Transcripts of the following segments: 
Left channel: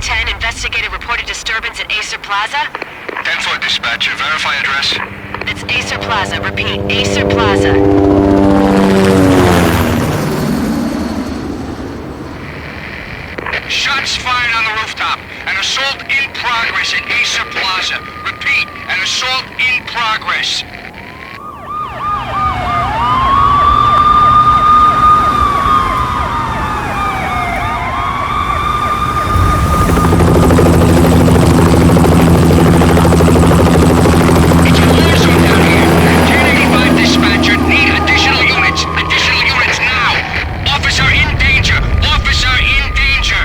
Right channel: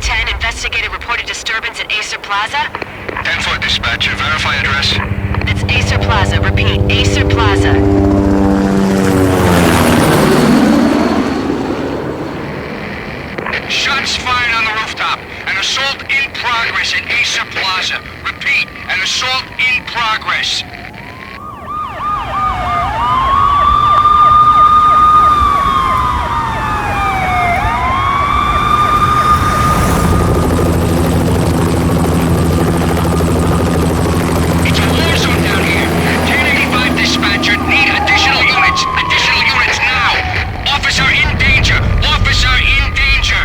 1010, investigated reported disturbance at Acer Plaza. 10-4 dispatcher, verify address. It's Acer Plaza, repeat, Acer Plaza. Shots fired on the rooftop. An assault in progress at Acer Plaza. Repeat, an assault in progress. It's a war zone down here. 1085 dispatcher, need additional units. Additional units now. Officer in danger. Officer in danger.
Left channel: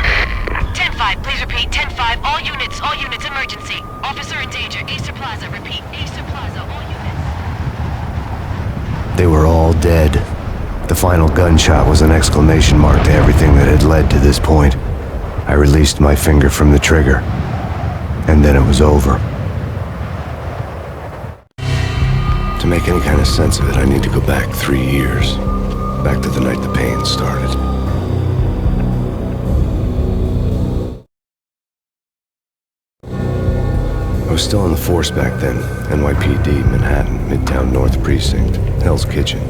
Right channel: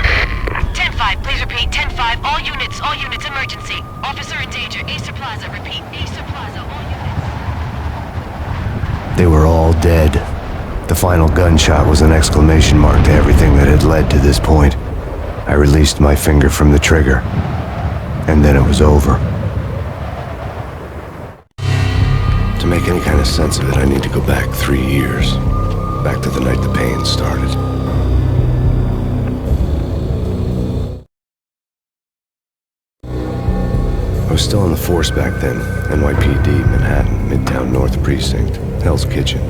10-5, please repeat, 10-5, all units, emergency. Officer in danger, Acer Plaza, repeat, Acer Plaza, all units. They were all dead. The final gunshot was an exclamation mark to everything that had led to this point. I released my finger from the trigger, and then it was over. To make any kind of sense of it, I need to go back 3 years. Back to the night the Payne started. I was still on the force back then. NYPD, Manhattan, Midtown North Precinct, Hell's Kitchen.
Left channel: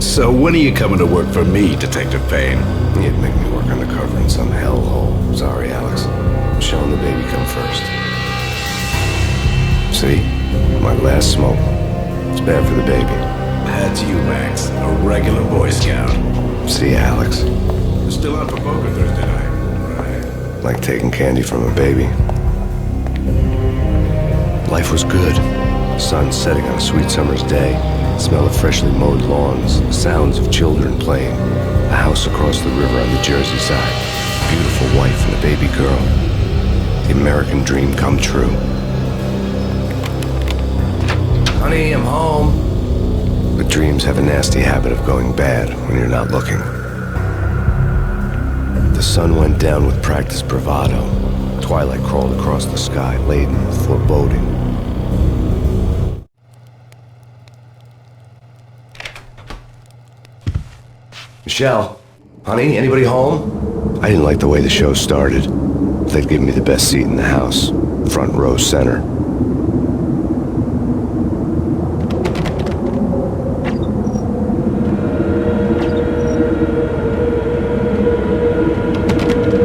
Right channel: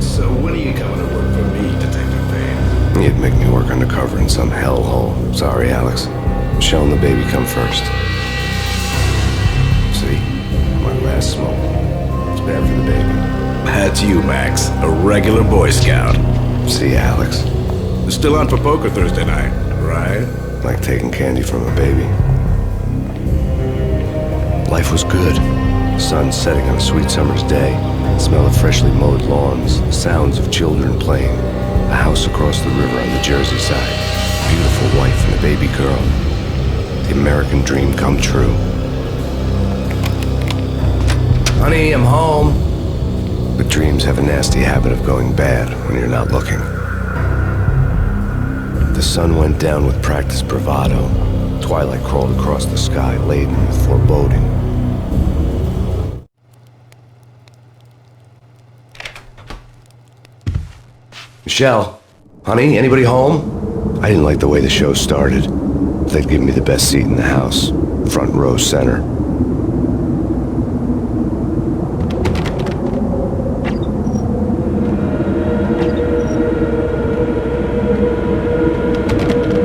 So when are you coming to work for me, Detective Payne? He'd make me work undercover in some hellhole. Sorry, Alex. Michelle and the baby come first. See? My last smoke. It's bad for the baby. That's you, Max. A regular Boy Scout. See, Alex? You're still on for poker Thursday night, right? Like taking candy from a baby. Life was good. Sun setting on a sweet summer's day. The smell of freshly mowed lawns. The sounds of children playing. A house across the river on the Jersey side. A beautiful wife and a baby girl. The American dream come true. Honey, I'm home. But dreams have a nasty habit of going bad when you're not looking. The sun went down with practiced bravado. Twilight crawled across the sky, laden with foreboding. Michelle, honey, anybody home? I didn't like the way the show started. They'd give me the best seat in the house, front row center.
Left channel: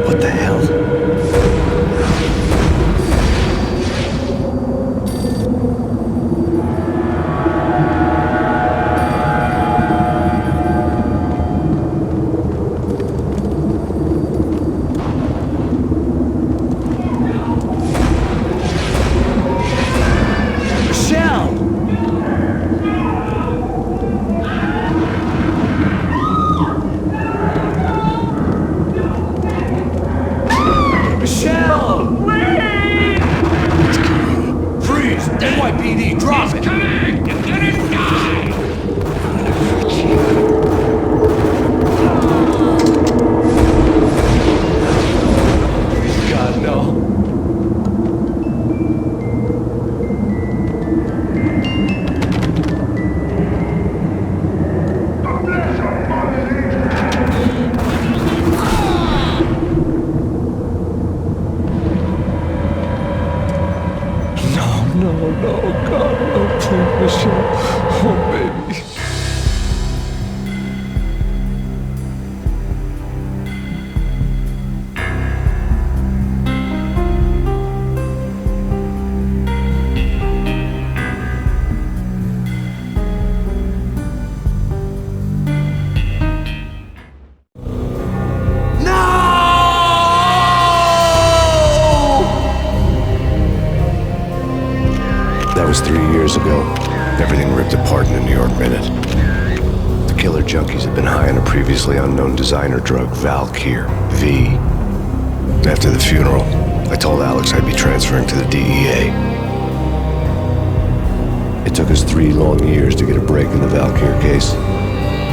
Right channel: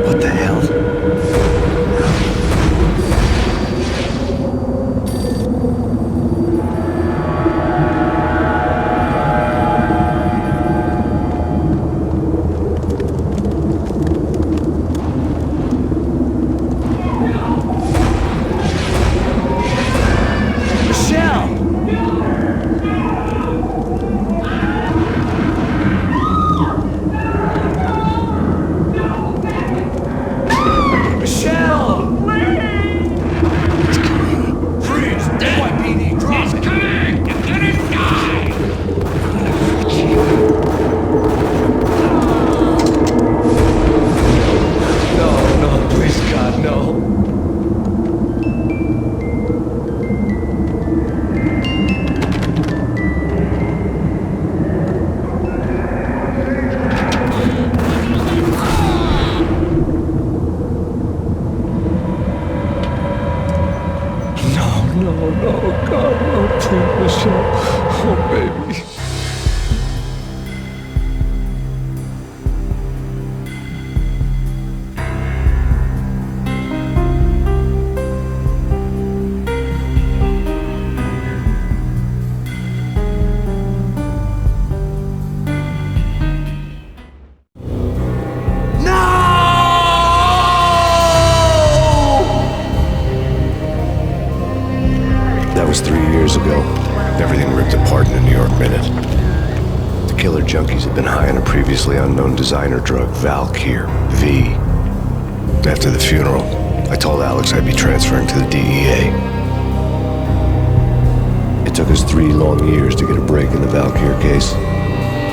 What the hell? Michelle! Michelle! Please! Freeze! NYPD, drop it! Coming! You're gonna die! No, please God, no. The flesh of fallen angels! No, God, no, please, Michelle. Oh, baby. That was 3 years ago. Everything ripped apart in a New York minute. The killer junkies had been high on a previously unknown designer drug, Valkyr, V. After the funeral, I told Alex I'd be transferring to the DEA. It took us 3 long years to get a break in the Valkyr case.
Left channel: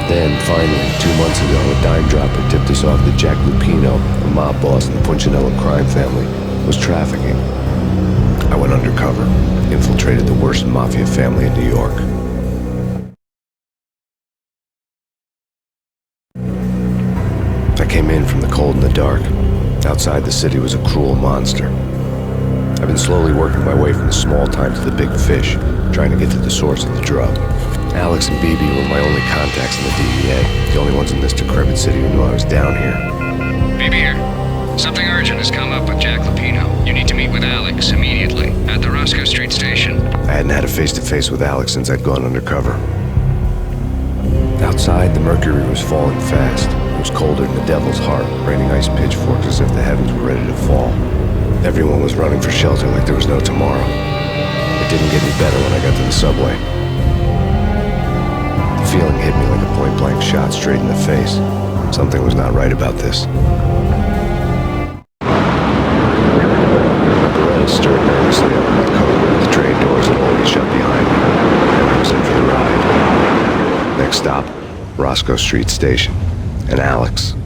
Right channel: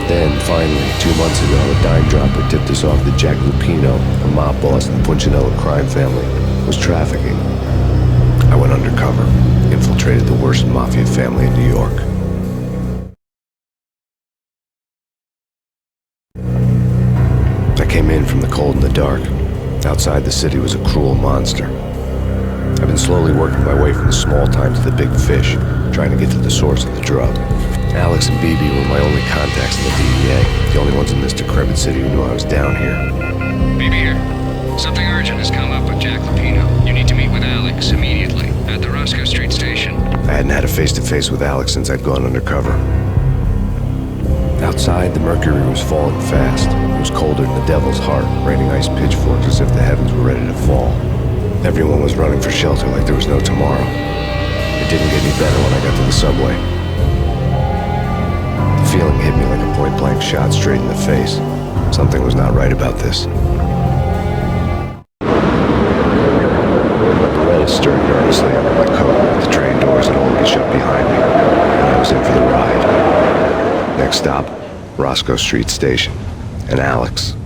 Then, finally, 2 months ago, a dime dropper tipped us off that Jack Lupino, a mob boss in the Punchinello crime family, was trafficking. I went undercover, infiltrated the worst mafia family in New York. I came in from the cold and the dark, Outside the city was a cruel monster. I've been slowly working my way from the small time to the big fish, trying to get to the source of the drug. Alex and BB were my only contacts in the DEA, the only ones in this decrepit city who knew I was down here. BB here. Something urgent has come up with Jack Lupino. You need to meet with Alex immediately at the Roscoe Street station. I hadn't had a face-to-face with Alex since I'd gone undercover. Outside, the mercury was falling fast. It was colder than the devil's heart, raining ice pitchforks as if the heavens were ready to fall. Everyone was running for shelter like there was no tomorrow. It didn't get any better when I got to the subway. The feeling hit me like a point-blank shot straight in the face. Something was not right about this. My Beretta stirred nervously under my coat, but the train doors had already shut behind me, and I was in for the ride. Next stop, Roscoe Street Station, and Alex.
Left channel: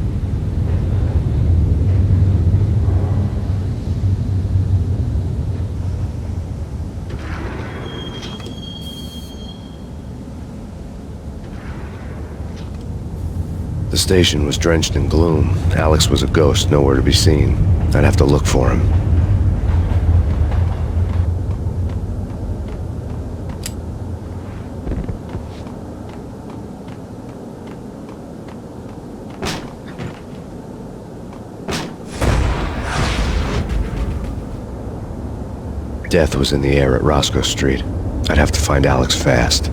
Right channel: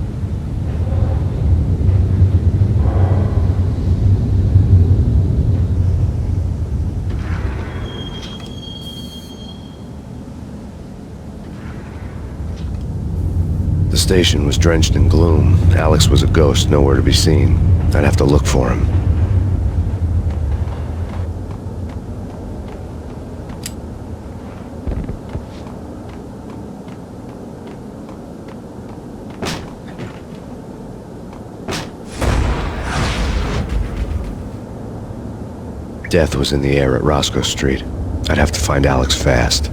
The station was drenched in gloom. Alex was a ghost, nowhere to be seen. I'd have to look for him. Death was in the air at Roscoe Street. I'd have to find Alex fast.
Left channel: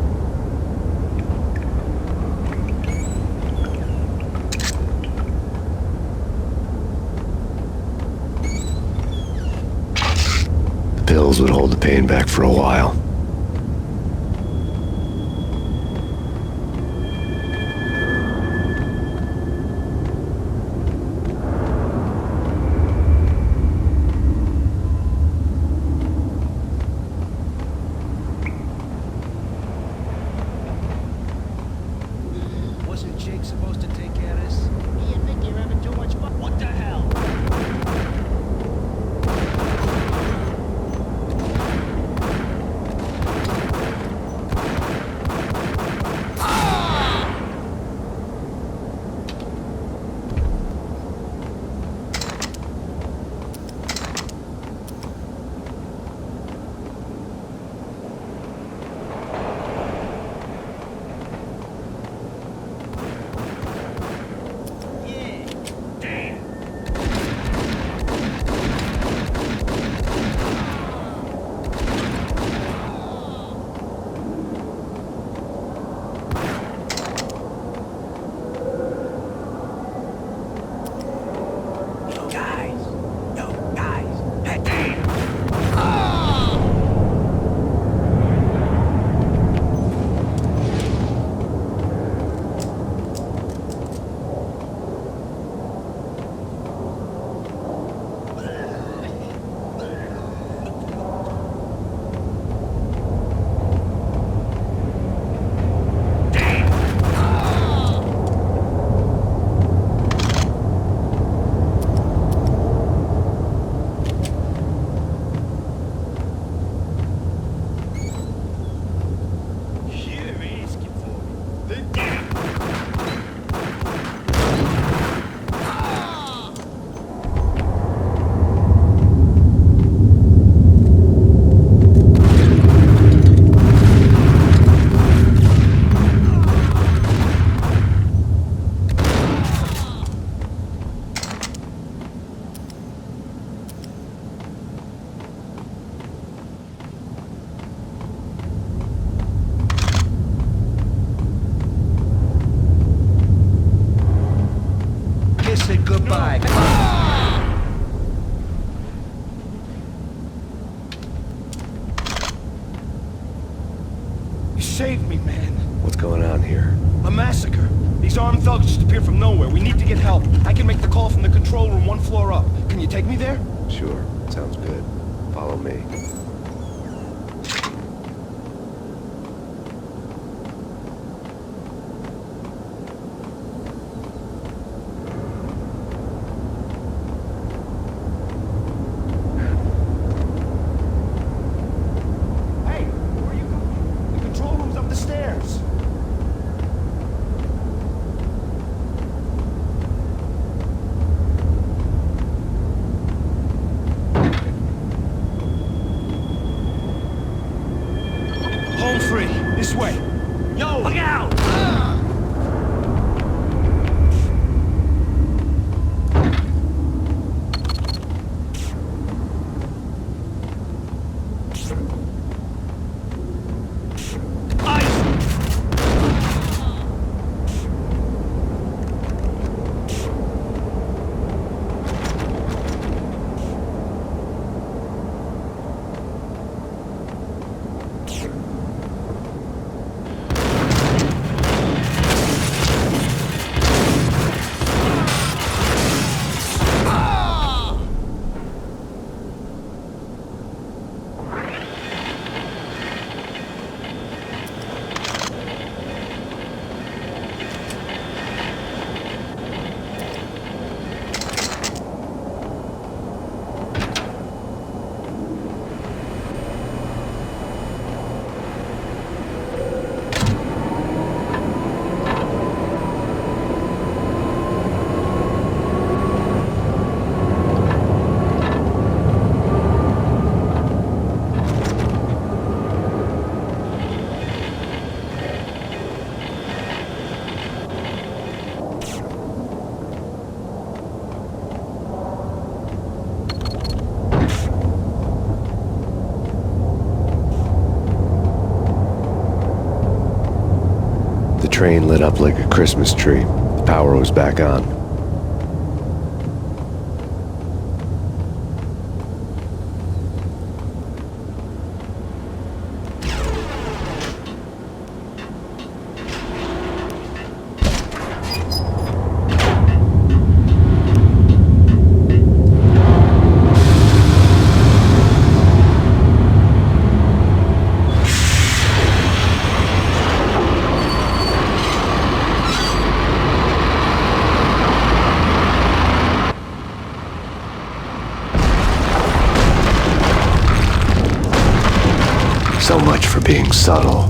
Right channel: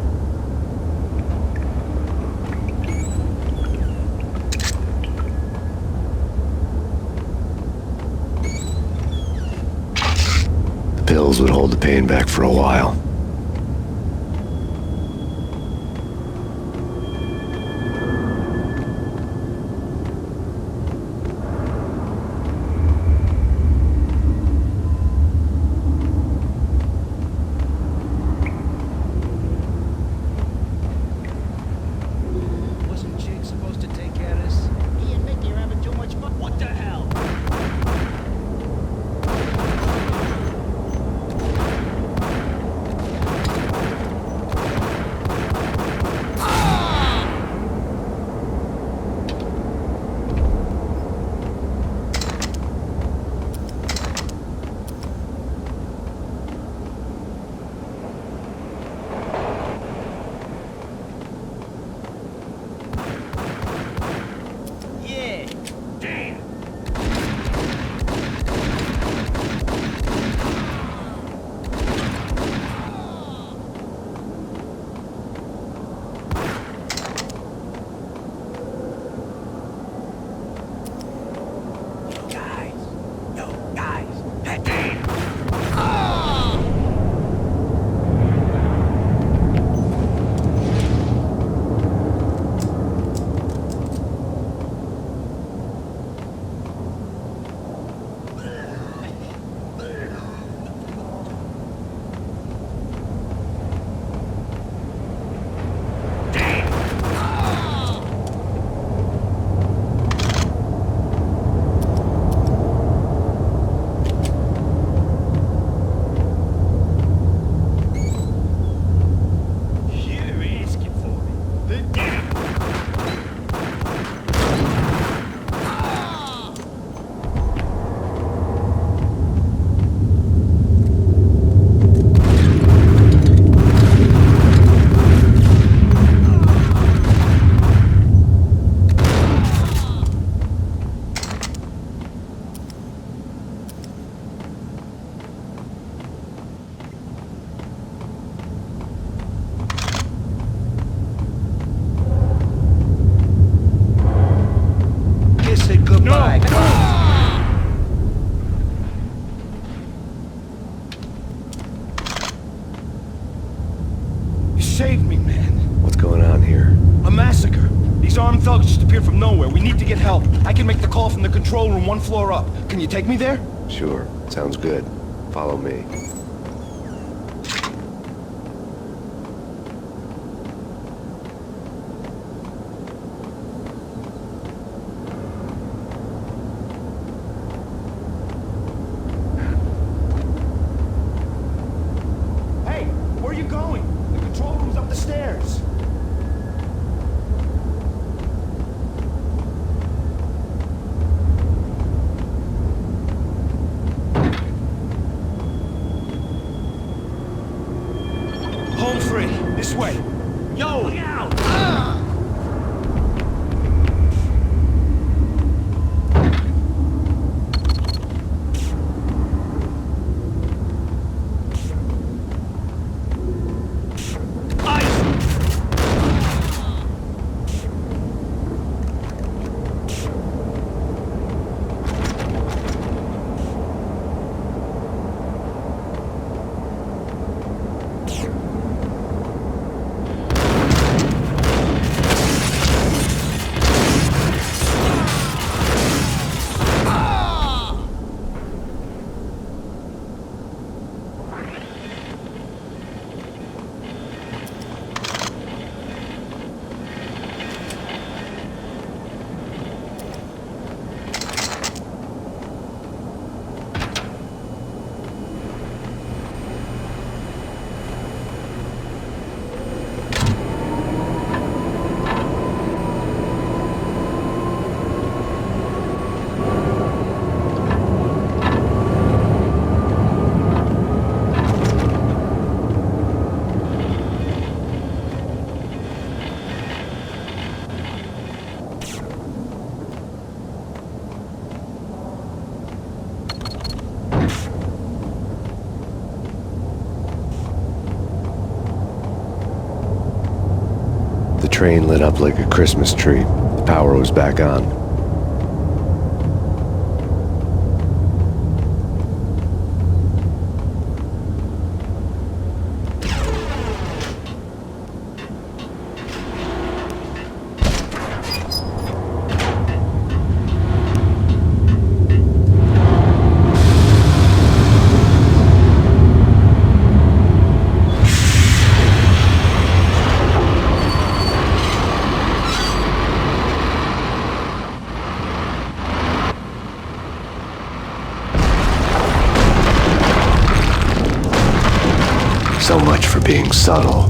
The pills would hold the pain back for a while. Wasn't Jake supposed to take care of this? He and Mickey are having too much fun. What the hell? Kiss it goodbye. You saved me, man. What's going on here? A massacre. These armed thugs just appeared from nowhere. We need to get help. I can make the call from the control room 1 floor up. Can you take me there? Sure, sounds good. Follow me. Hey, where are you going? The control room's up the stairs. Home free. This way. Yo! Look out! The train lit up like a Christmas tree. The power was back on. So much for being subtle.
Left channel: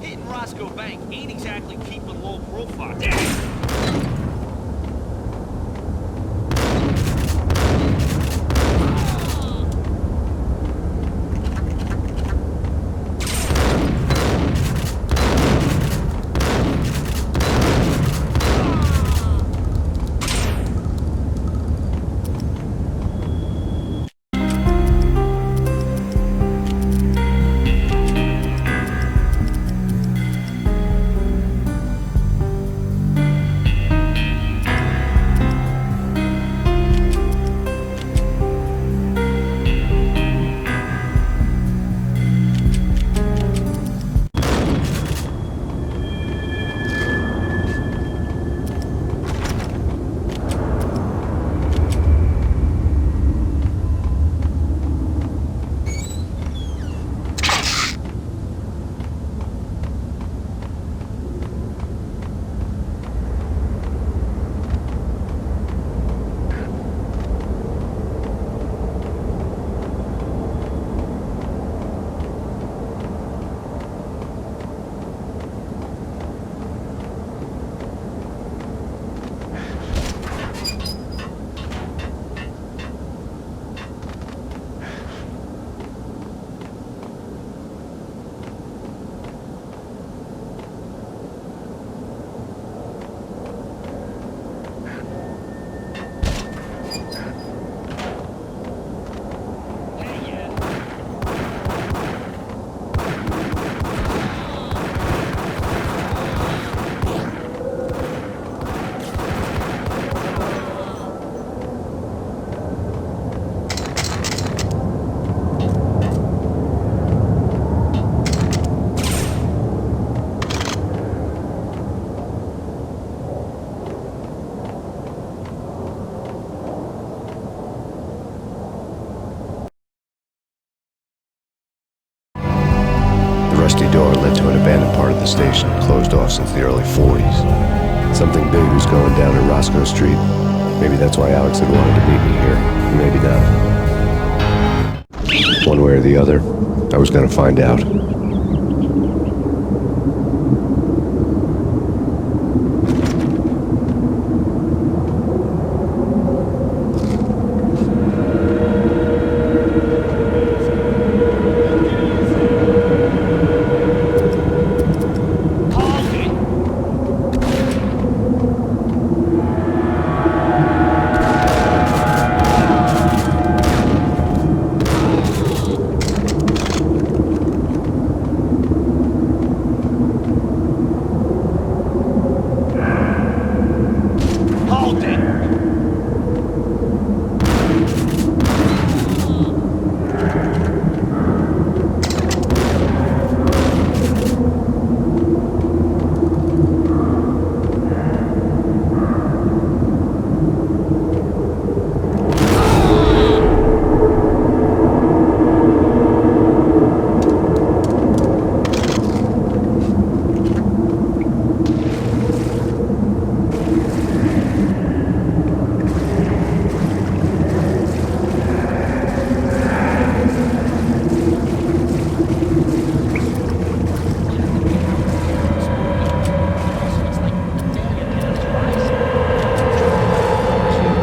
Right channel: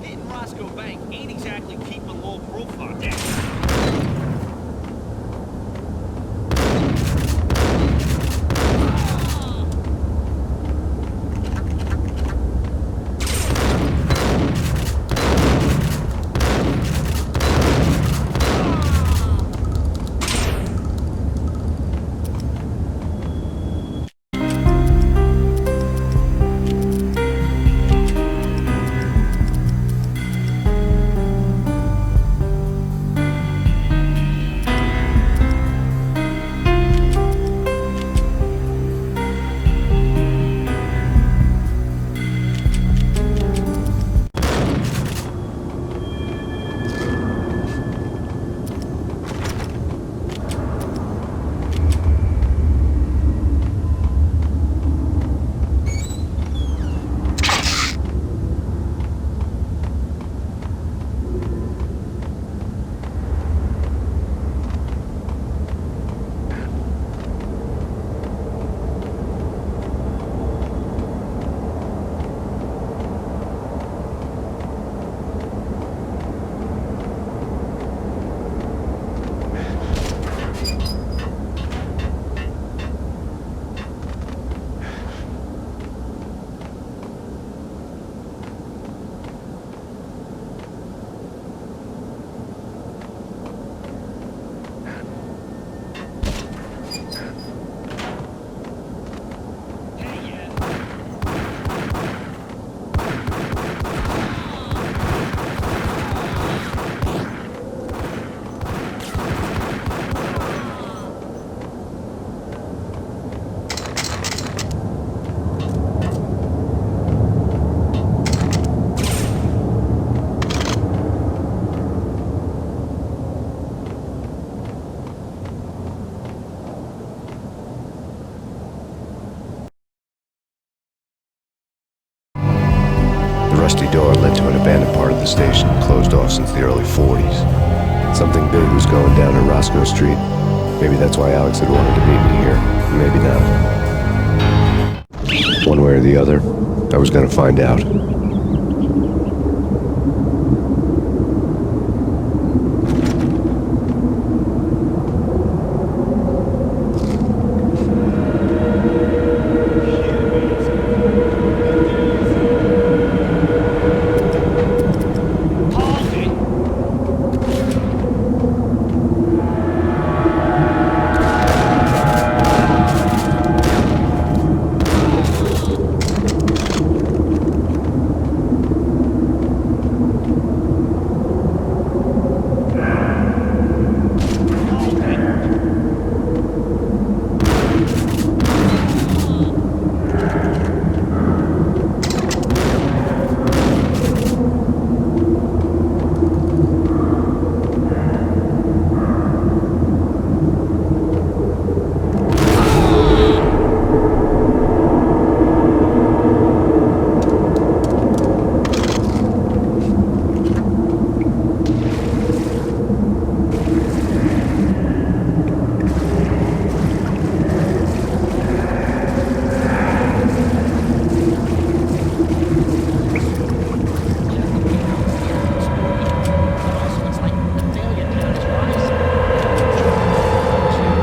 Hitting Roscoe Bank ain't exactly keeping low profile. rusty door led to an abandoned part of the station, closed off since the early 40s. Something big was going down in Roscoe Street. Maybe that's why Alex had wanted to meet me here. Maybe not. One way or the other, I was gonna find out. Hold it! Like the failure count is rising. I wouldn't joke about it if I was you.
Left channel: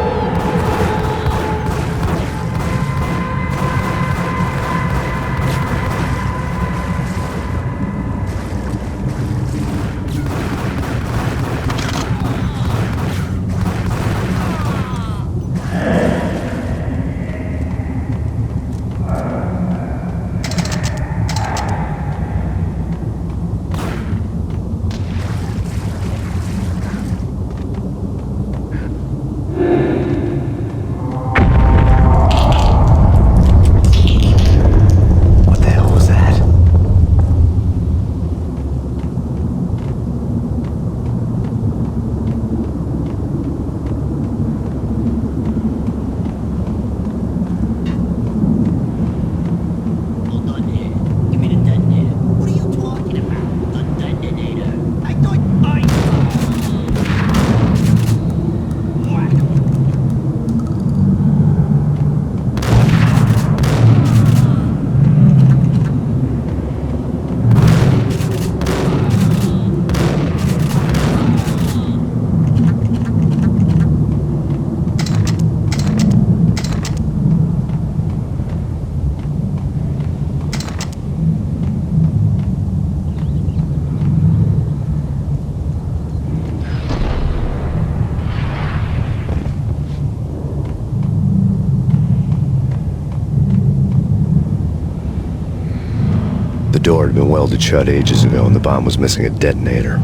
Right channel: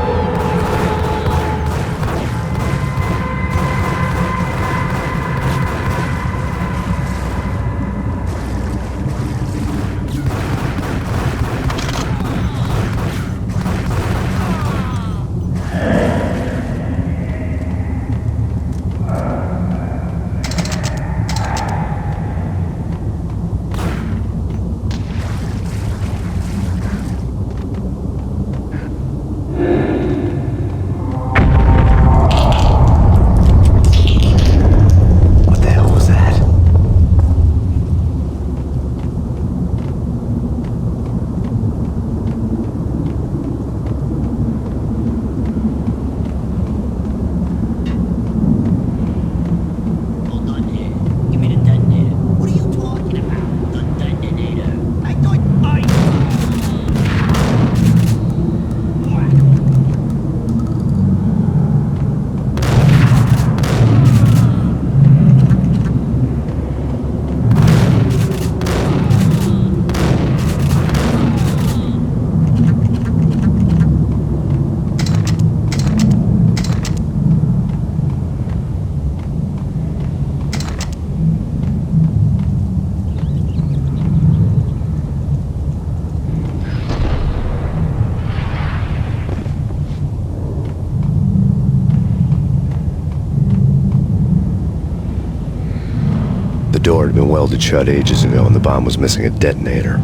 Detonator. What are you talking about? The detonator. I thought I... Whack! The door had been welded shut ages ago and the bomb was missing a detonator.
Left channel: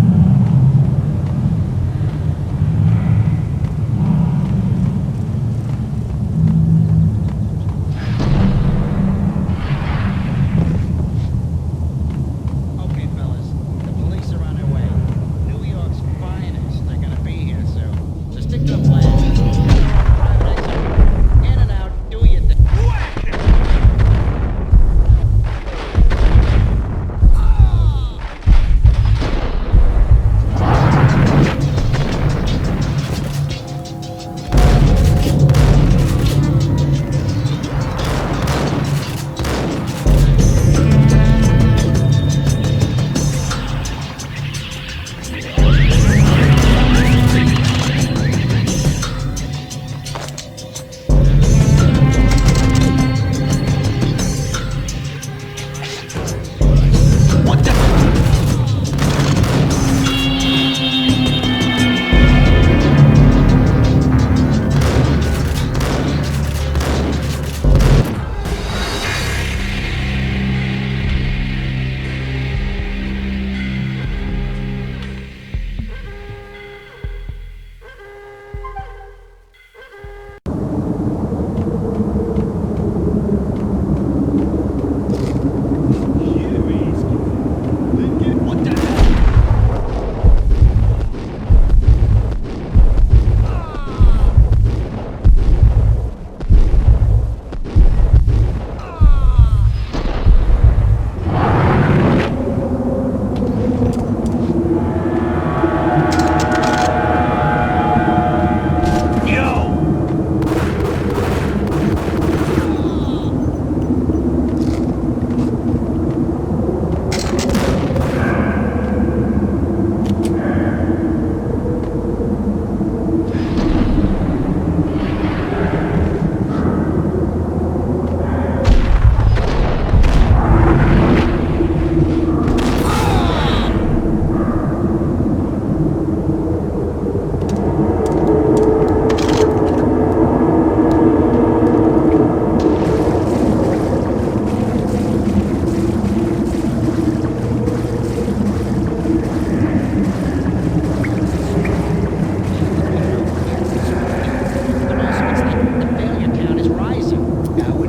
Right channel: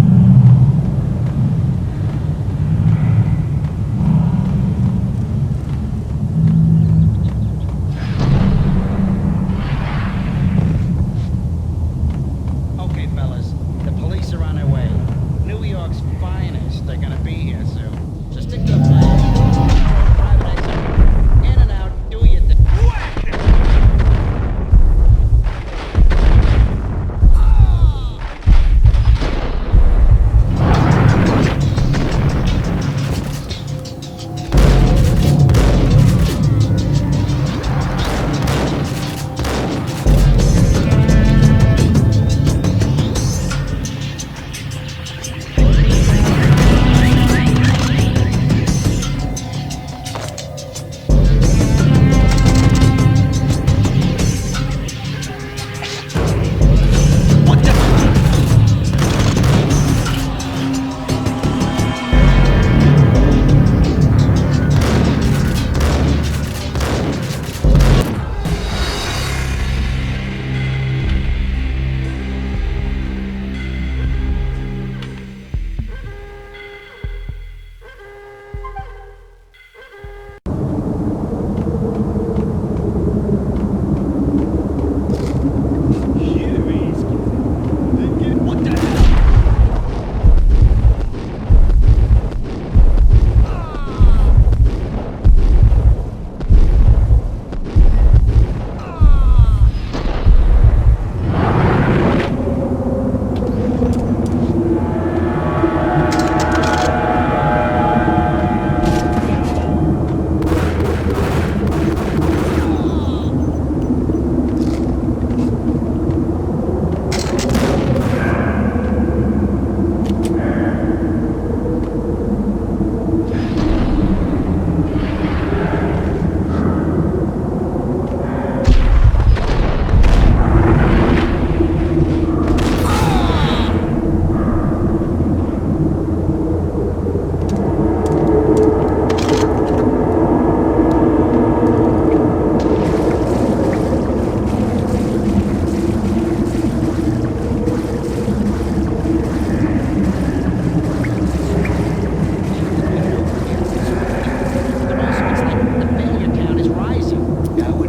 Okay, fellas, the police are on their way. New York's finest, they're gonna be here soon. So stick to the plan. Have your own private exit. In and out, do your thing.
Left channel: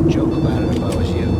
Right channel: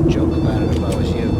wouldn't joke about it if I was you.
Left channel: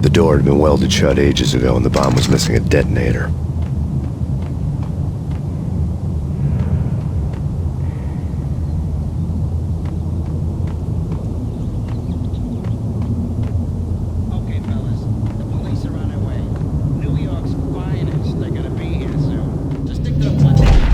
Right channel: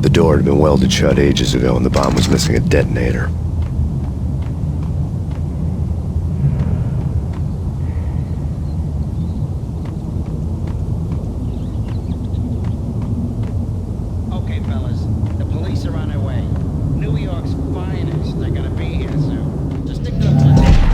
The door had been welded shut ages ago, and the bomb was missing a detonator. Okay, fellas, the police are on their way. New York's finest, they're gonna be here soon. So stick to the plan.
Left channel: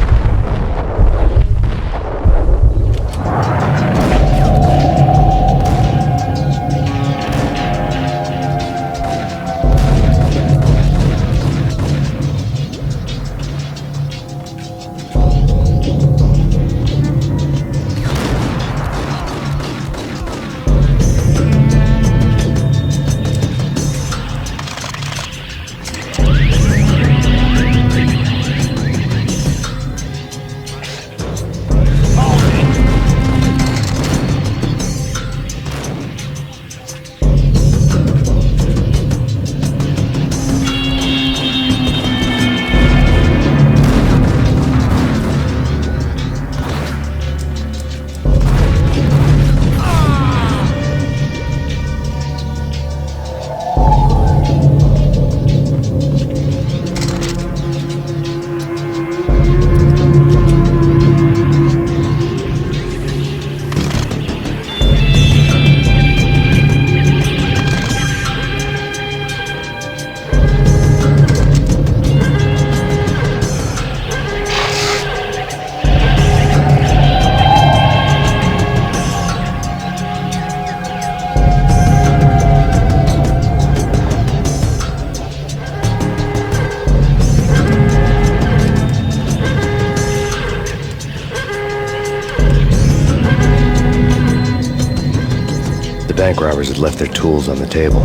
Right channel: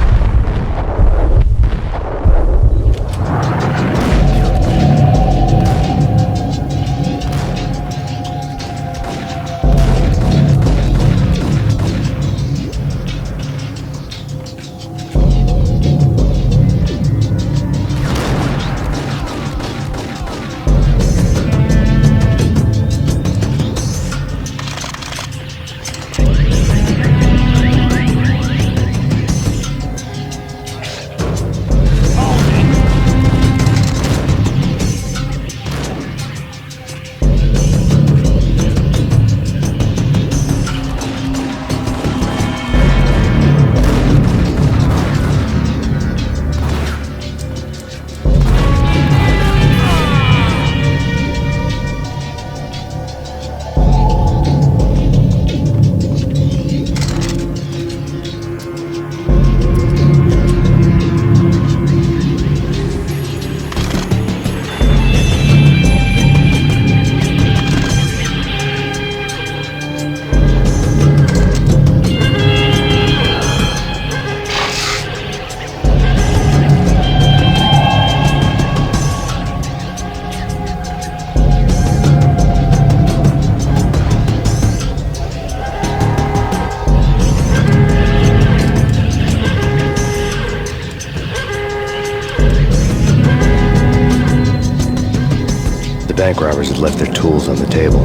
The bank robbers had left their tools on the table.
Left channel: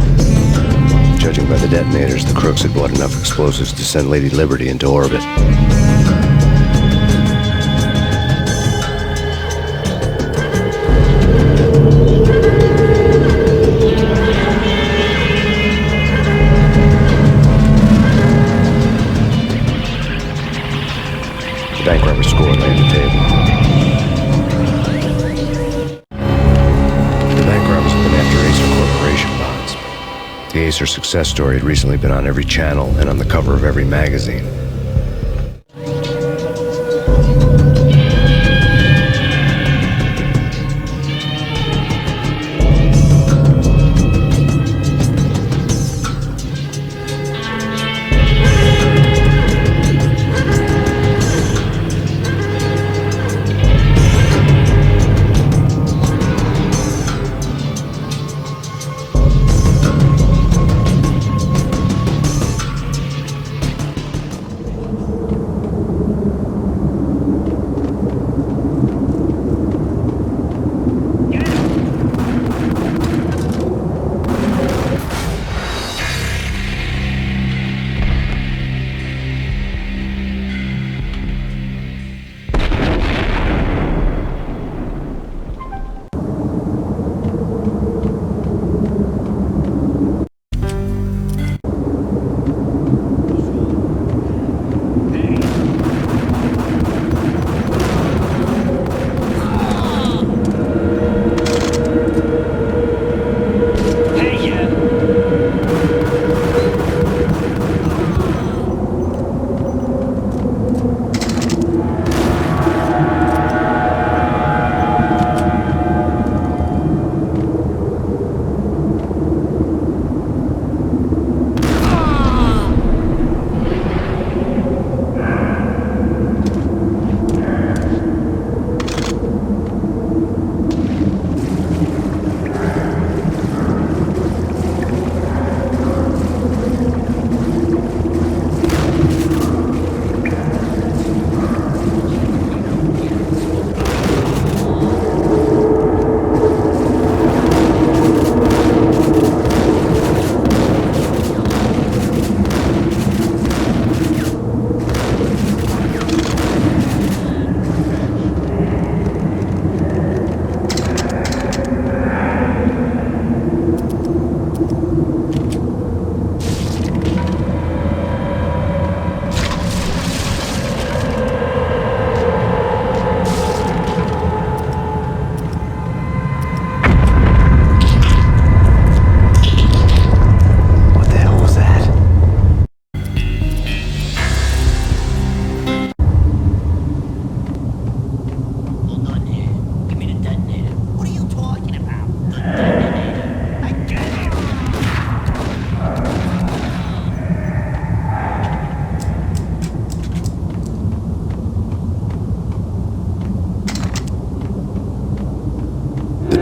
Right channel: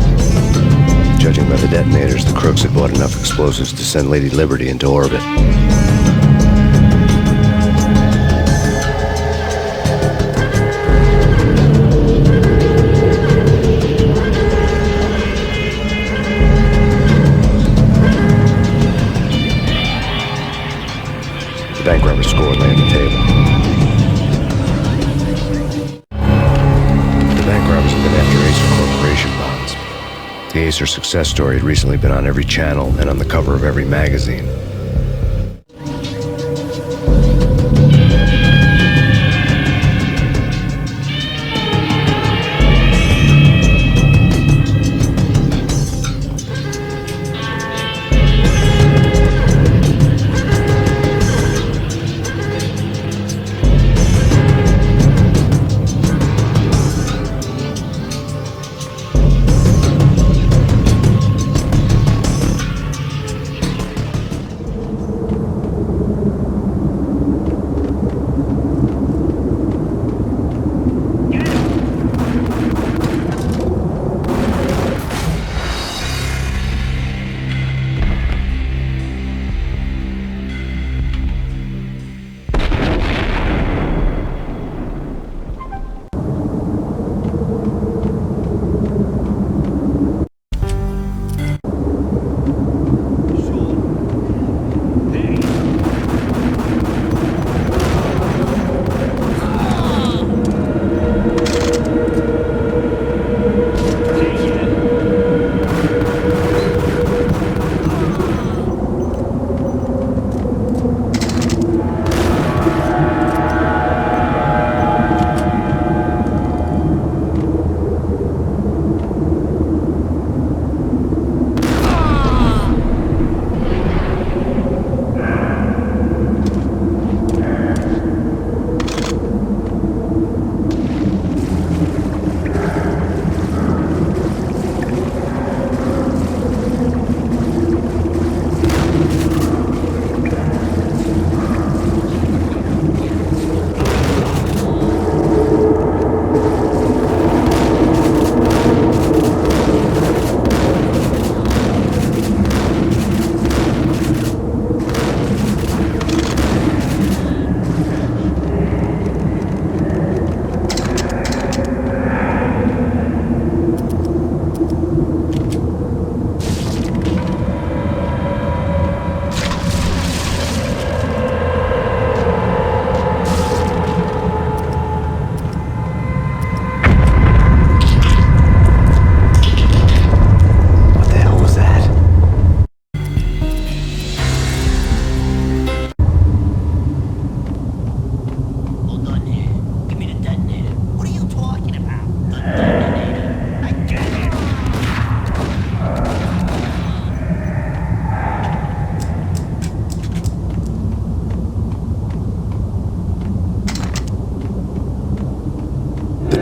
Judging by the detonators, the crooks had bought enough explosives to send Lady Liberty into orbit. The bank robber score lay on the table. The bank robbers had been after Acer Corporation bonds. The Acer success story had recently been on every channel and on the cover of every magazine.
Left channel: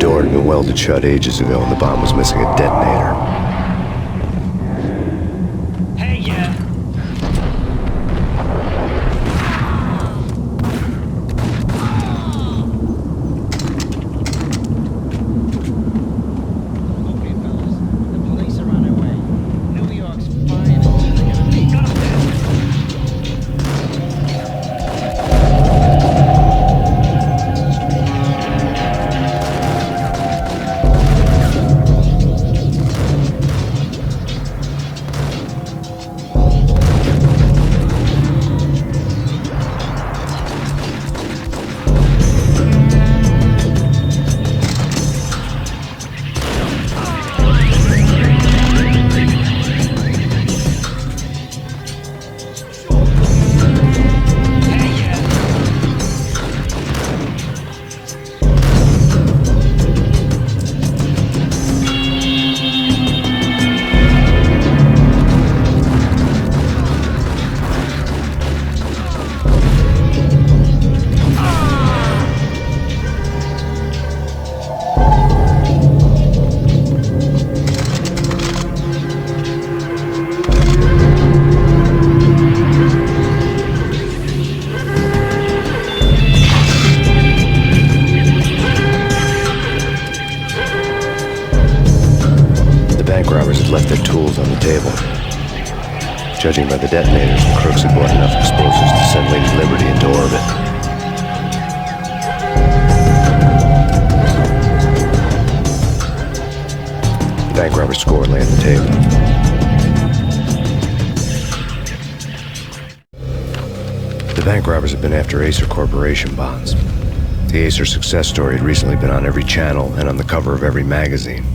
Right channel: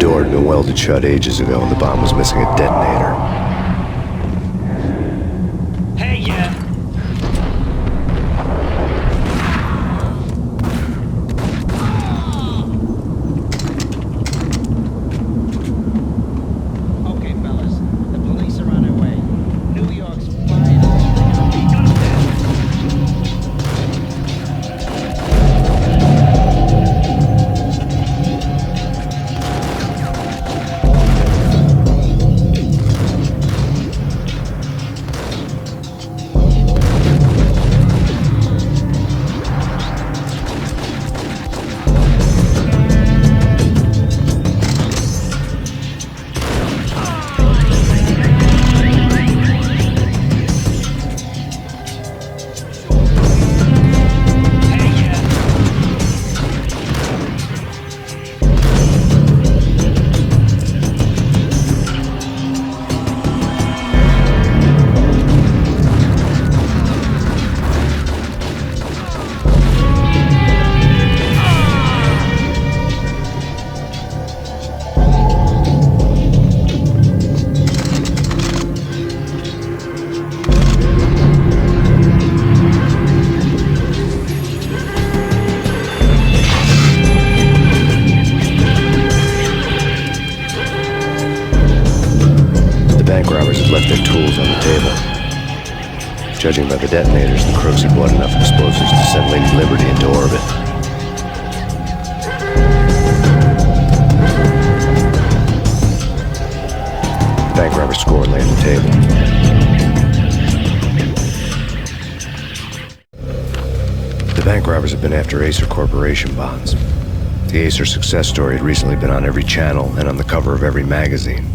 door had been welded shut ages ago and the bomb was missing a detonator. Hey, yeah. Okay, fellas, the police are on their way. New York's finest. They're gonna be Bank robbers had left their tools on the table. Judging by the detonators, the crooks had bought enough explosives to send Lady Liberty into orbit. The bank robber's score lay on the table. The bank robbers had been after Acer Corporation bonds. The Acer success story had recently been on every channel and on the cover of every magazine.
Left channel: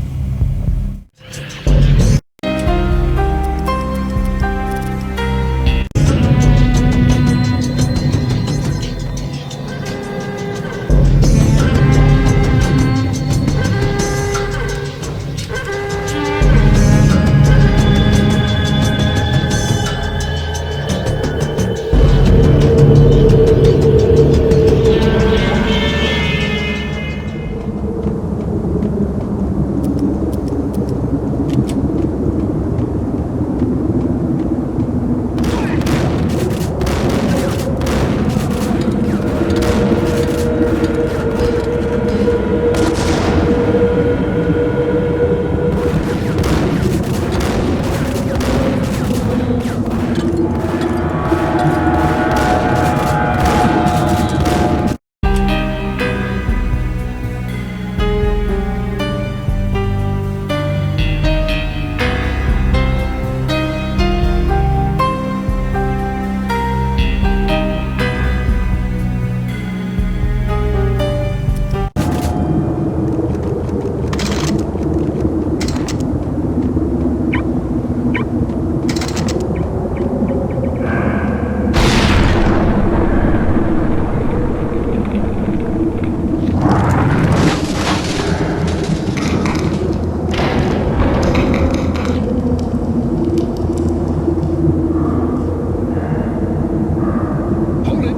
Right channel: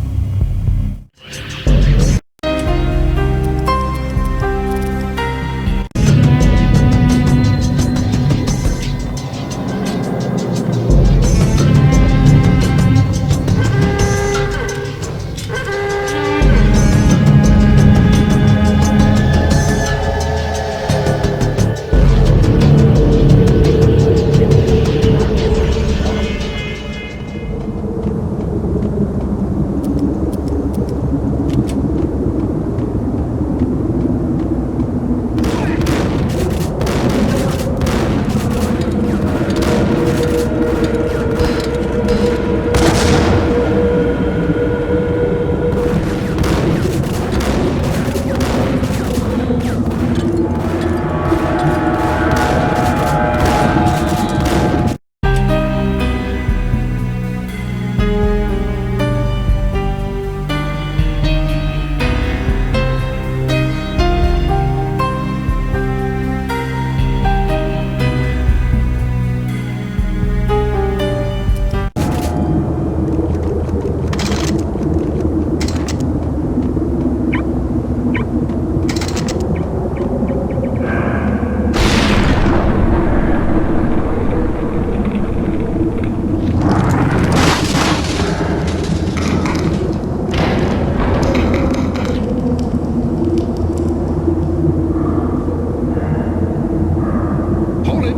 Hold it!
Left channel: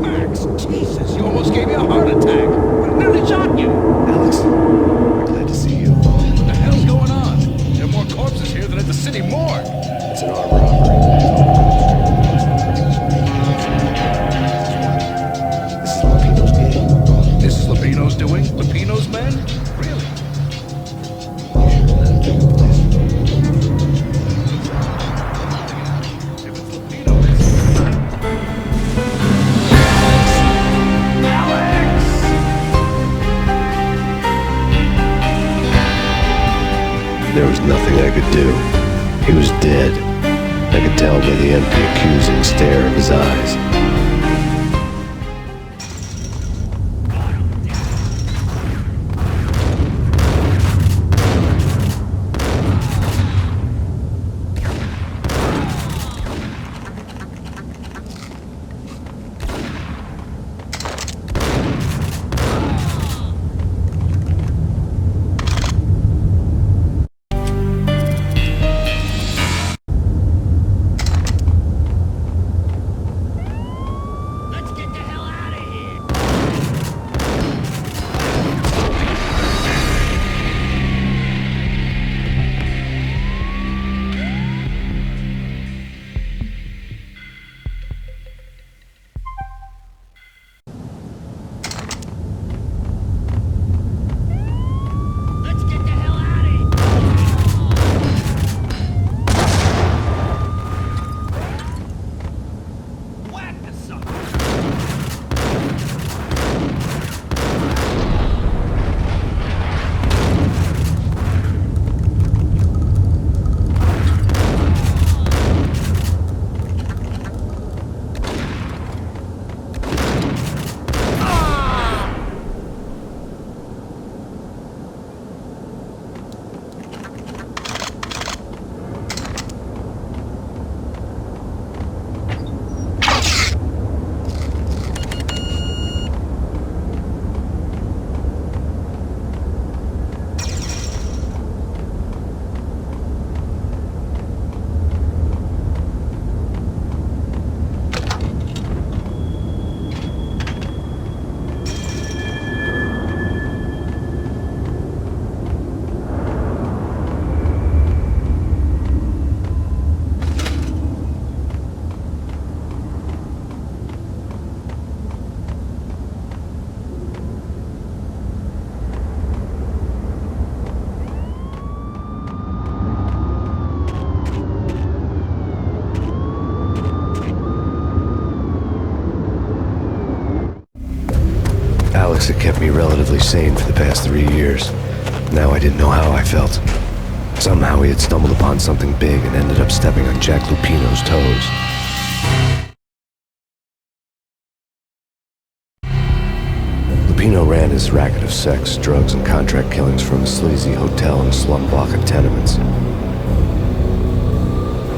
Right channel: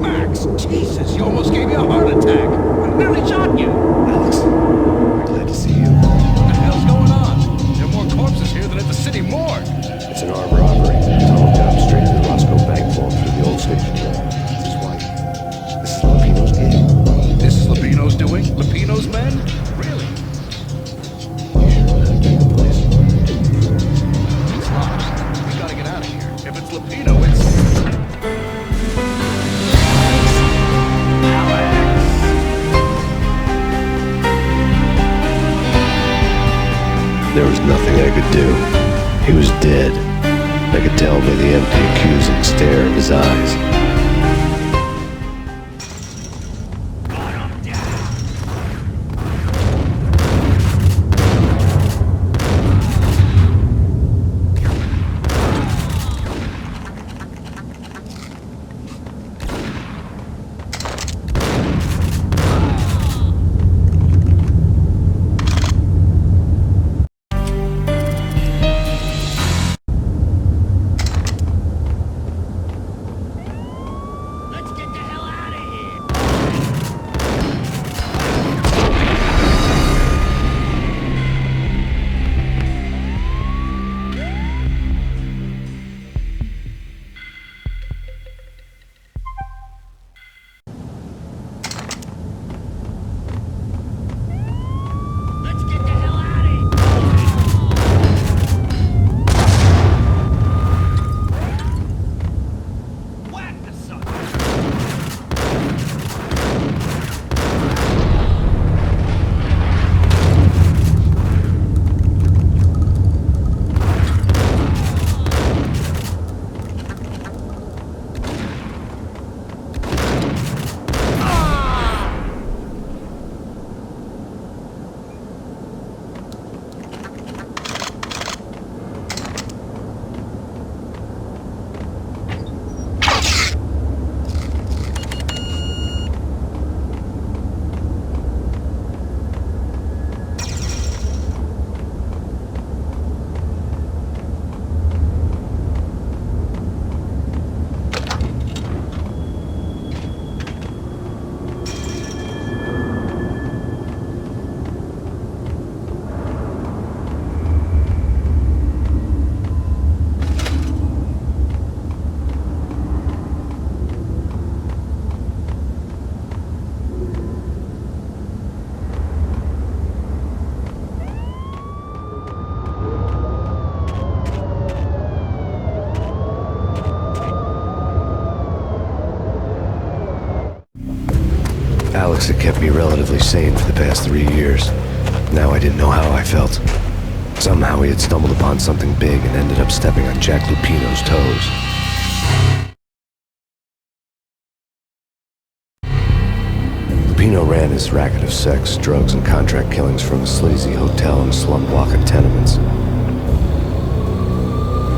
Max, Jesus, you almost gave me a heart attack. I nearly shot you. Alex, we're glad to see you. What the hell's going on? There are more corpses here than at the city morgue. It's an armed robbery. Tunnel job straight to the Roscoe Bank vault through the old station. That's why. This is Lupino's gig? This is Lupino's doing? Lupino's men? Really? You sure that'll take a place? It's locked. We gotta get out of here. If it's Lupino, it's... There was nothing I could do. He was dead. I could tell by the empty, accusing stare in his eyes. Alex had kept me relatively sane for the past 3 years. Now I didn't know how I felt. Somehow he had stumbled upon something big and ended up stepping on Jack Lupino's toes. Lupino ran his racket of sex, drugs, and contract killings from a sleazy hotel in a slum block of tenements.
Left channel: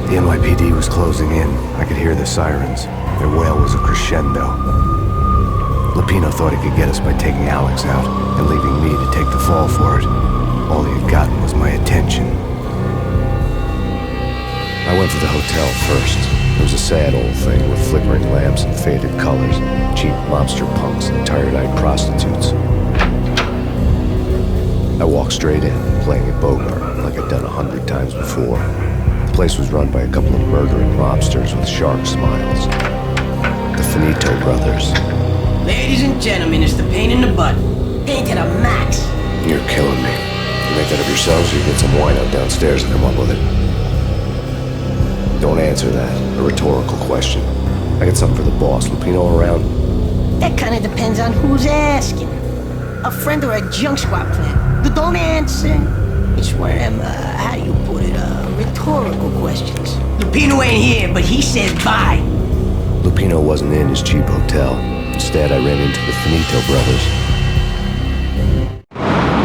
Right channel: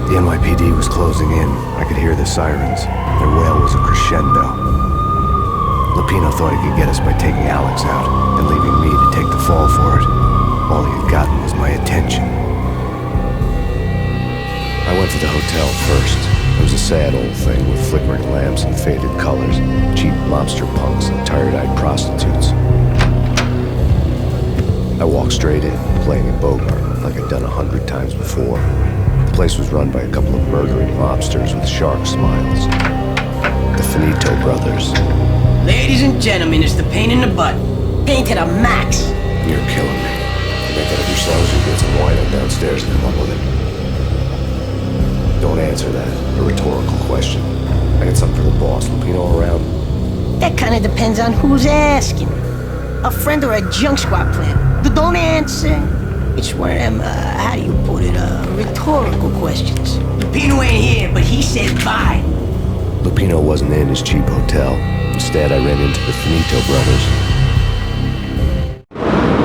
The NYPD was closing in. I could hear the sirens. Their wail was a crescendo. Lupino thought he could get us by taking Alex out and leaving me to take the fall for it. All he had gotten was my attention. I went to the hotel first. It was a sad old thing with flickering lamps and faded colors, cheap mobster punks and tired-eyed prostitutes. I walked straight in, playing at Bogart like I'd done 100 times before. The place was run by a couple of murdering mobsters with shark smiles. The Finito brothers. Ladies and gentlemen, it's the Payne in the butt. Payne to the max. You're killing me. You make that up yourselves or you get some wino downstairs and come up with it? Don't answer that. A rhetorical question. I got something for the boss. Lupino around? That kind of depends on who's asking. A friend or a junk squad plan. Don't answer. It's one of them, how do you put it, rhetorical questions. Lupino ain't here, but he said bye. Lupino wasn't in his cheap hotel. Instead, I ran into the Finito brothers.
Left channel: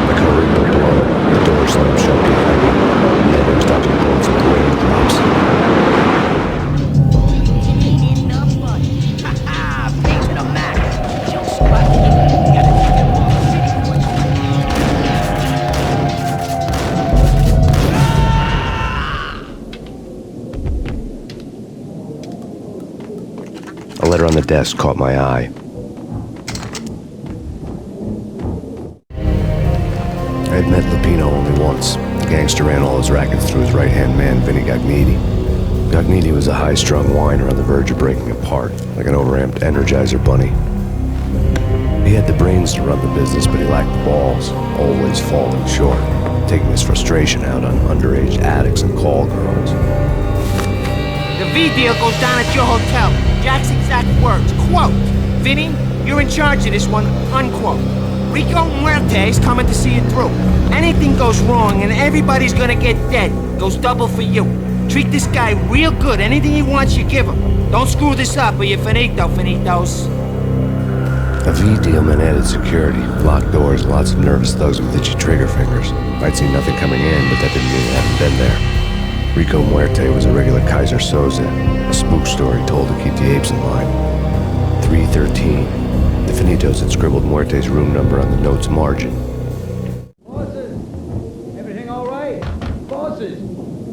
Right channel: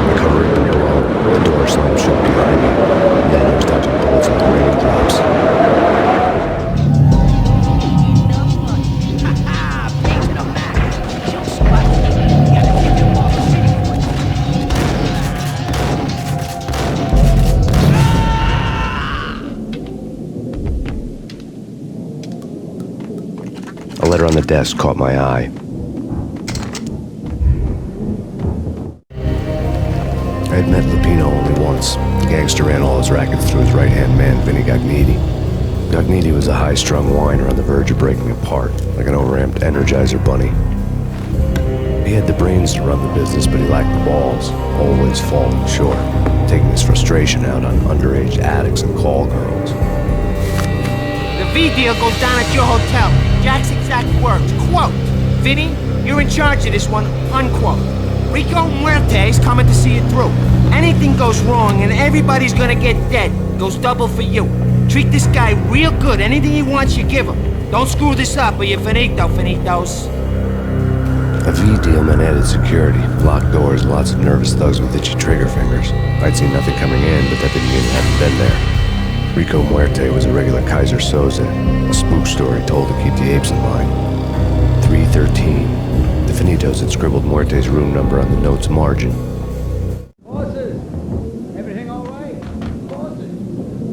My cover had been blown. The door slammed shut behind me. And then I was dodging bullets like raindrops. A letter on the desk caught my eye. I had met Lupino only once. The gangster ran all his rackets through his right-hand man, Vinny Gagniti. Gagniti was a high-strung whiner on the verge of breaking apart, like an overamped Energizer bunny. He had the brains to run the business, but he lacked the balls, always falling short, taking his frustration out on underage addicts and call girls. The V deal goes down at your hotel. Jack's exact words, quote, "Vinny, you're in charge of this one," unquote. Rico Muerte's coming to see it through. Anything goes wrong and everybody's gonna get dead. Goes double for you. Treat this guy real good. Anything he wants, you give him. Don't screw this up or you're finito, finitos. A V deal meant added security, locked doors, and lots of nervous thugs with itchy trigger fingers. I'd seen nothing coming in, but that didn't mean it hadn't been there. Rico Muerte was a regular Kaiser Soze, a spook story told to keep the apes in line. 313. The Finitos had scribbled Muerte's room number on the note's margin. Bosses! Everything all right? Bosses!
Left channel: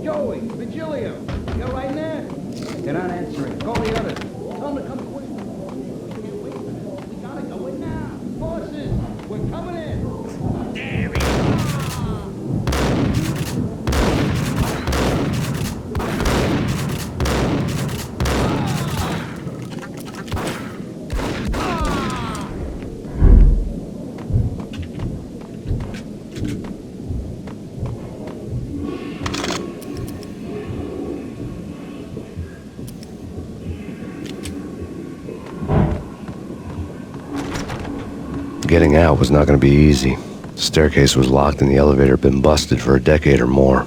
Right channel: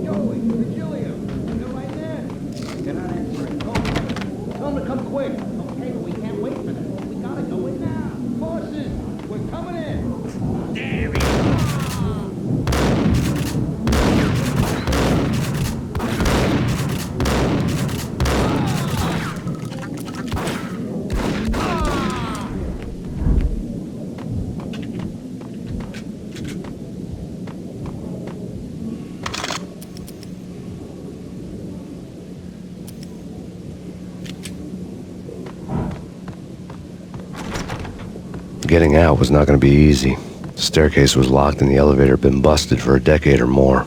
Joey, Virgilio, you're right there? They're not answering. Call the others. Tell them to come quick. Okay, but we can't wait for them. We gotta go in now. Bosses, we're coming in. There we go. Getting out was not going to be easy. The staircase was locked and the elevator had been busted for a decade or more.